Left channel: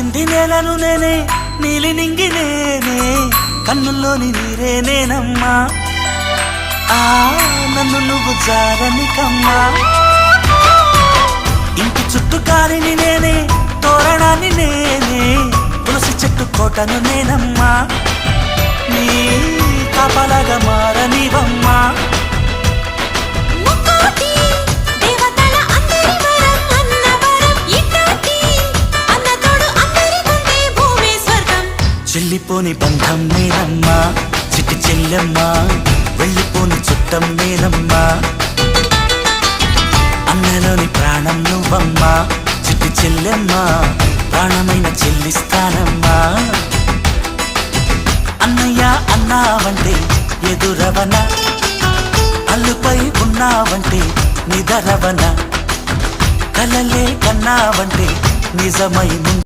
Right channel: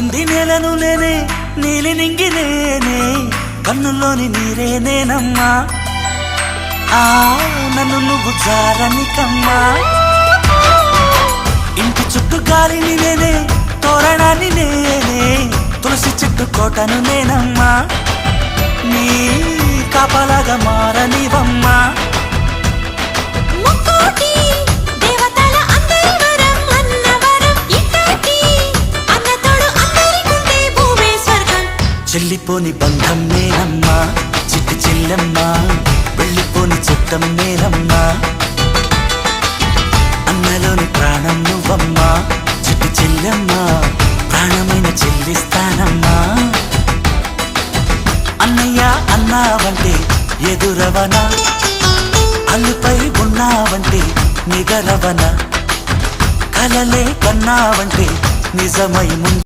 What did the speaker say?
తాకింది నేలను నేనే నీలి నింగి నేనే కన్నుల్లోని నీరే నేనమ్మా నన్ను నువ్వు జారనికమ్మా ఇంటి చుట్టూ కాలిని నేనే తోరణాన్ని నేనే తులసి చెట్టు కోటను నేనమ్మా నీ కాపలాగా మారనివమ్మా చెల్లిపోని బంధం నేనమ్మా చిట్టి చిల్లమ్మా వెళ్ళిపోని చుట్టం నేనమ్మా అన్నలోని ప్రాణం నువ్వమ్మా చిట్టి చిల్లమ్మా